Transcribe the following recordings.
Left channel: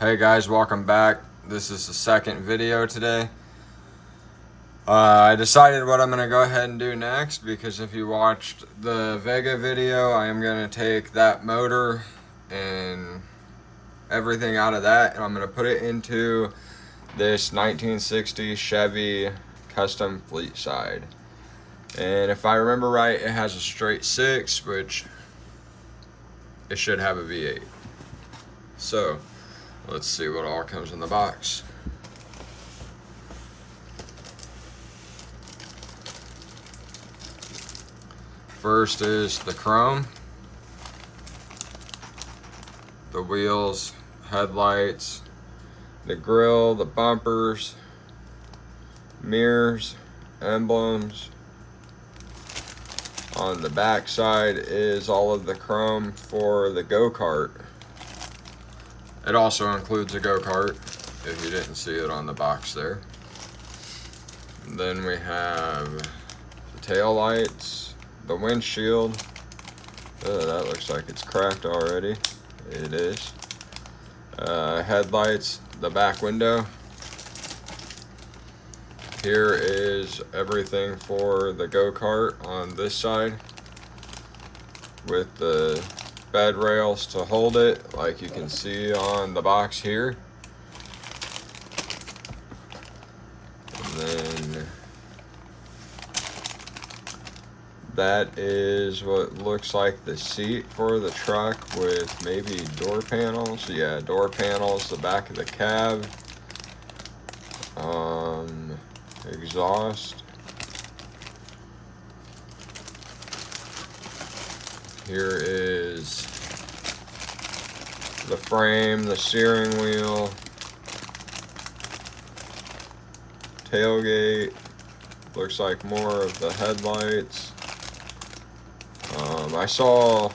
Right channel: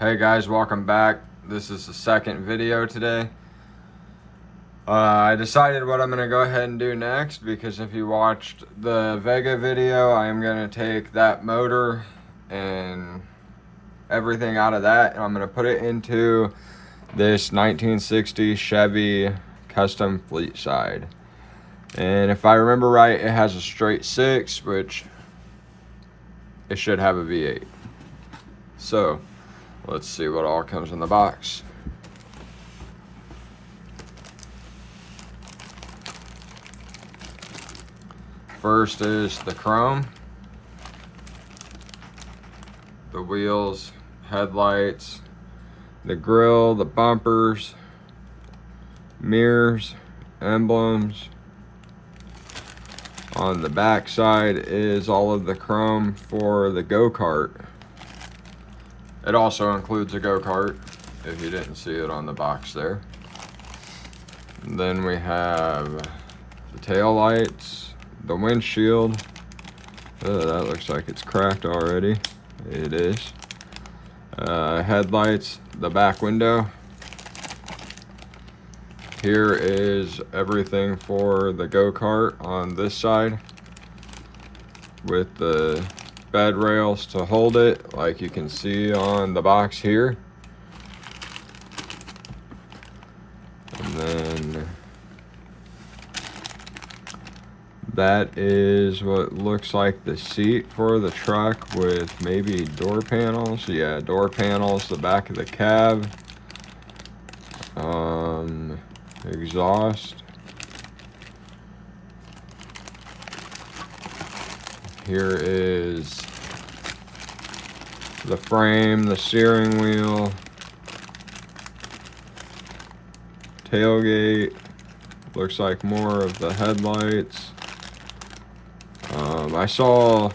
Hey guys, welcome back. This is the second video today. I decided what I'm going to go ahead and do next because if you watched the Vega video, I am going to take that motor and everything out of that and I'm going to put it into this 1960 Chevy custom fleet side. And if I remember right, it has a straight 6, which it should have a V8. So let's see what all comes in the box. First is the chrome, the wheels, headlights, the grille, the bumpers, mirrors, emblems. On the back side is all of the chrome for the go-kart. It also includes a go-kart, if you didn't see it on the box there. And then we have the tail lights, the windshield. That looks like it's cracked already. It is. Headlights, the back window. Here is everything for the go-kart on this side with the bed rails to hold it, like you can see on the box here. And then that is what looks like the seat for the truck with maybe door panels. Yeah, door panels, the back of the cab, exhaust. Here is the frame, the steering wheel, tailgate. Looks like more of the headlights. I saw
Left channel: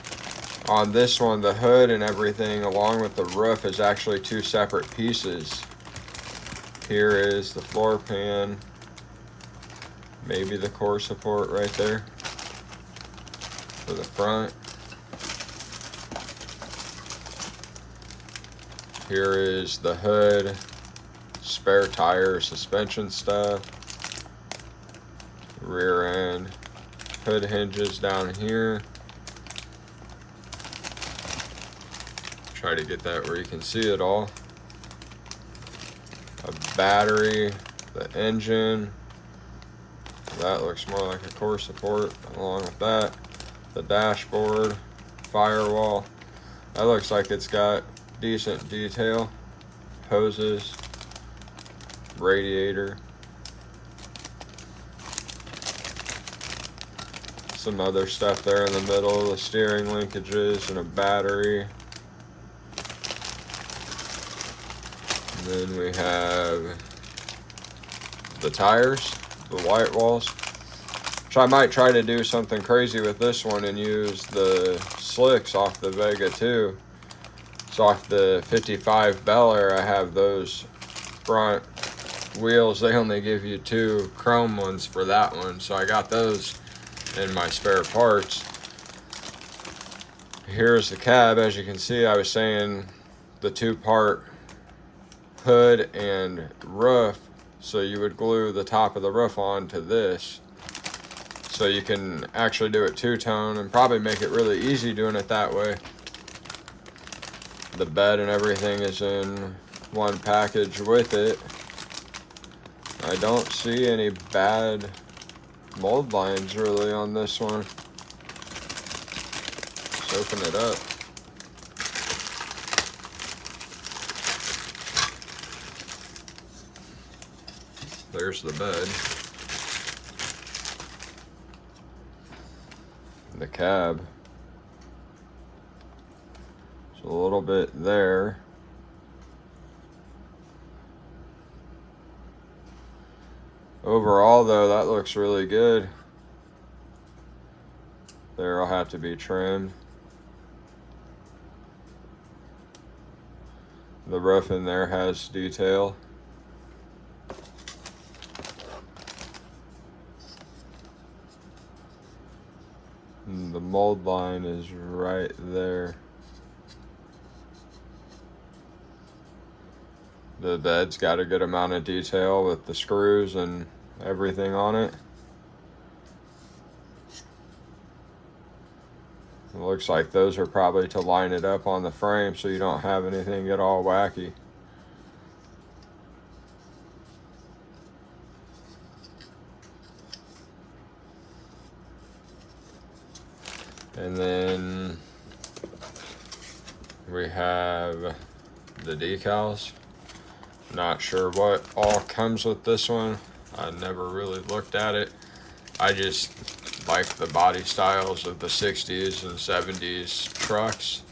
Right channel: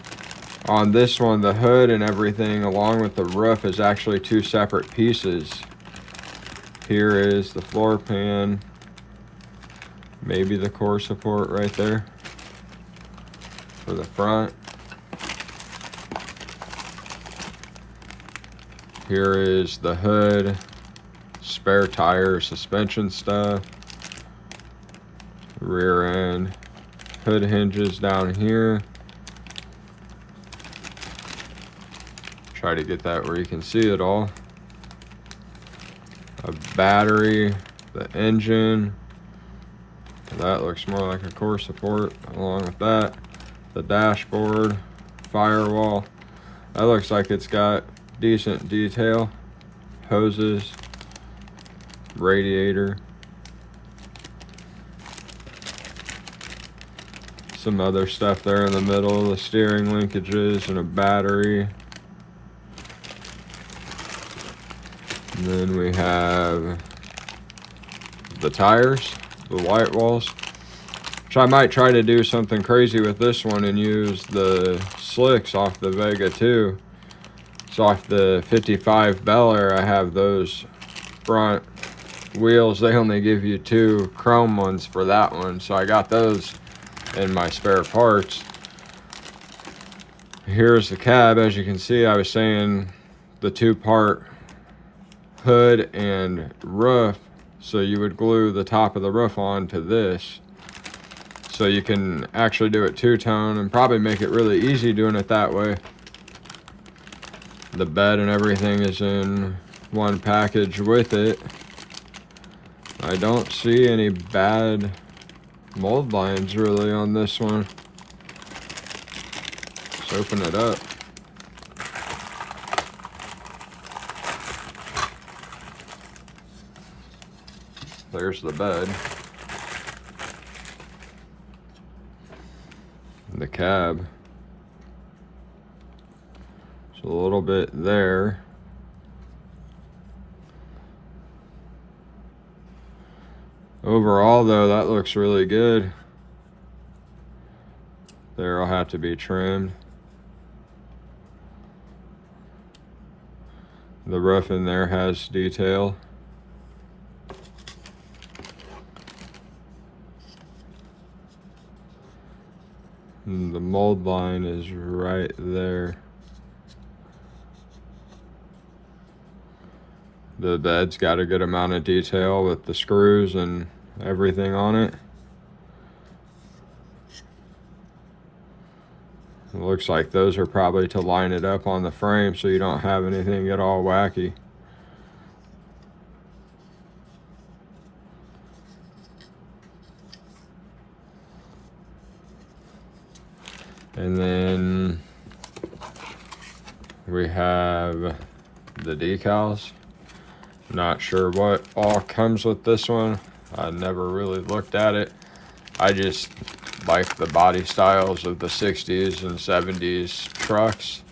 on this one the hood and everything along with the roof is actually two separate pieces. Here is the floor pan, maybe the core support right there for the front. Here is the hood, spare tire, suspension stuff, rear end, hood hinges down here. Try to get that where you can see it all. A battery, the engine. That looks more like a core support along with that. The dashboard, firewall. That looks like it's got decent detail. Hoses, radiator. Some other stuff there in the middle, the steering linkages and a battery. And then we have the tires, the white walls, which I might try to do something crazy with this one and use the slicks off the Vega 2. So off the 55 Bel Air, I have those front wheels. They only give you 2 chrome ones for that one, so I got those in my spare parts. Here's the cab. As you can see, I was saying the 2-part hood and roof, so you would glue the top of the roof onto this, so you can actually do it 2-tone and probably make it really easy doing it that way. The bed and everything is in one package with it. I don't see any bad mold lines really on this one. Let's open it up. There's the bed. And the cab. There's a little bit there. Overall though, that looks really good. There'll have to be trimmed. The roof in there has detail. And the mold line is right there. The bed's got a good amount of detail with the screws and everything on it. It looks like those are probably to line it up on the frame so you don't have anything get all wacky. And then we have the decals. Not sure what all comes with this one. I never really looked at it. I just like the body styles of the 60s and 70s trucks,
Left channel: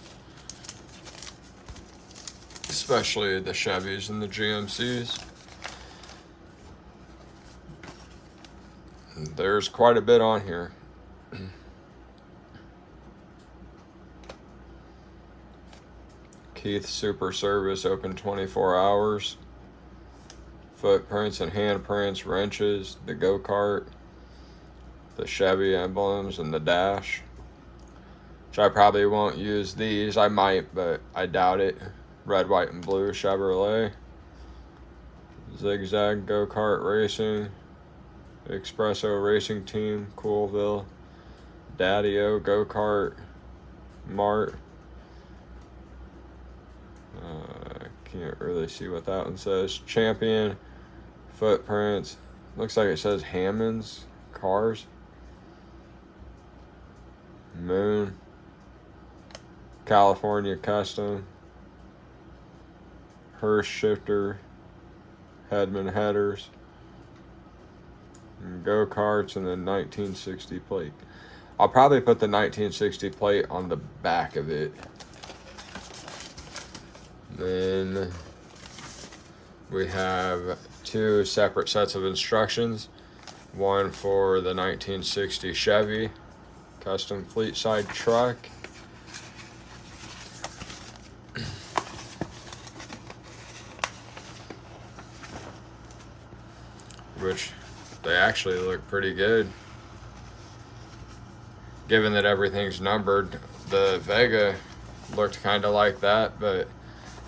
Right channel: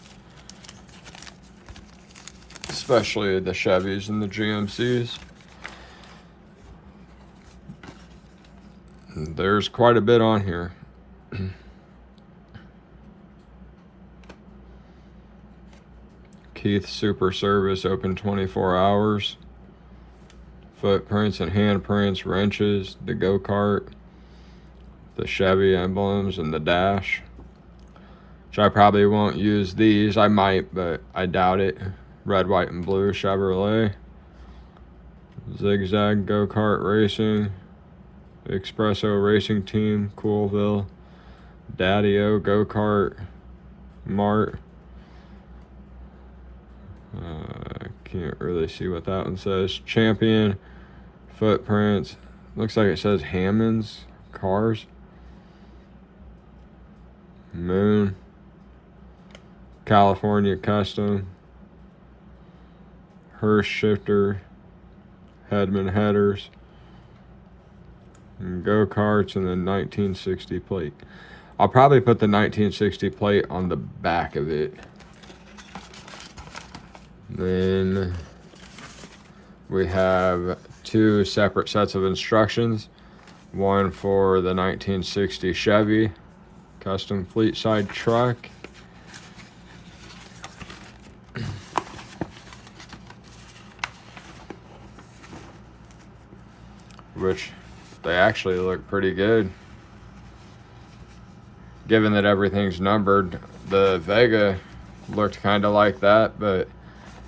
especially the Chevys and the GMCs. There's quite a bit on here. Keith Super Service, open 24 hours. Footprints and handprints, wrenches, the go-kart, the Chevy emblems, and the dash. Which I probably won't use these. I might, but I doubt it. Red, white, and blue Chevrolet. Zigzag go-kart racing. Espresso Racing Team, Coolville. Daddy-O go-kart. Mart. Can't really see what that one says. Champion. Footprints. Looks like it says Hammond's Cars. Moon. California Custom. Hearst Shifter. Hedman Headers. And go-karts, and then 1960 plate. I'll probably put the 1960 plate on the back of it. Then we have two separate sets of instructions. One for the 1960 Chevy custom fleet side truck. Which they actually look pretty good. Given that everything's numbered, the Vega looked kind of like that, but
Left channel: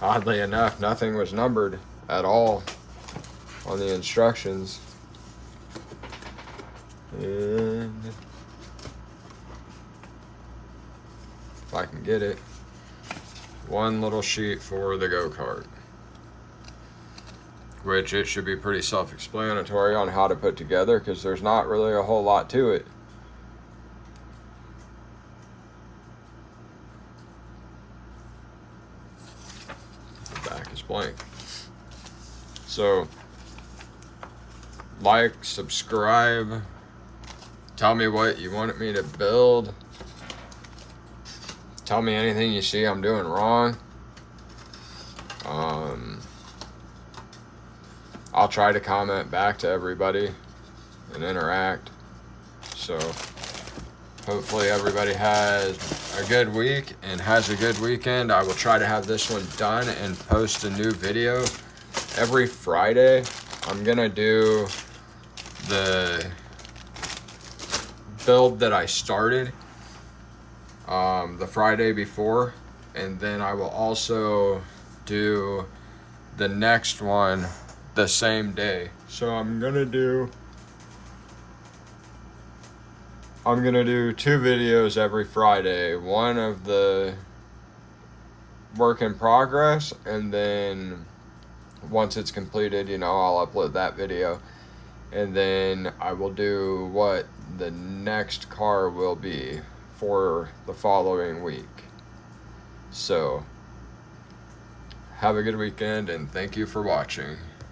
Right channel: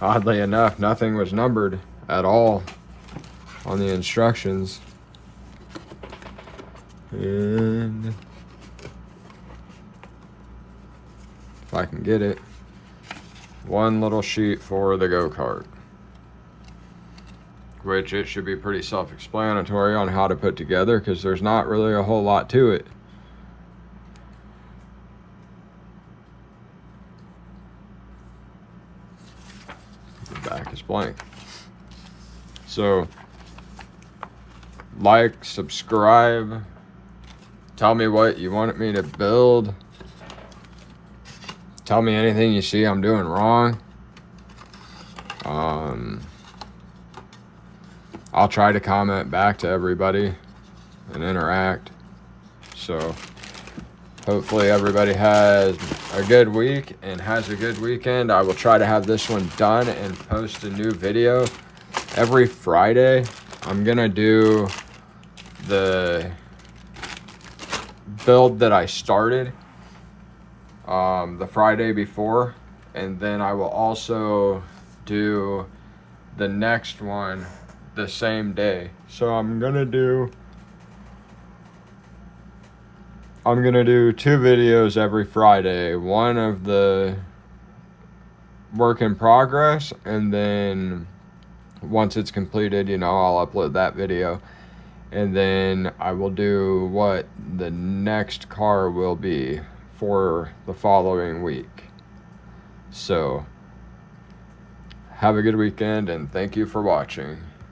oddly enough, nothing was numbered at all on the instructions. And if I can get it, one little sheet for the go-kart, which it should be pretty self-explanatory on how to put together because there's not really a whole lot to it. The back is blank. So, like, subscribe, tell me what you want me to build, tell me anything you see I'm doing wrong. I'll try to comment back to everybody and interact. So hopefully everybody has a good week and has a good weekend. I will try to have this one done and post a new video every Friday. I'm gonna do the build that I started the Friday before, and then I will also do the next one the same day. So I'm gonna do 2 videos every Friday. One of the work in progress, and then once it's completed, you know, I'll upload that video. And then I will do what the next car will be for the following week. So have a good weekend and thank you for watching.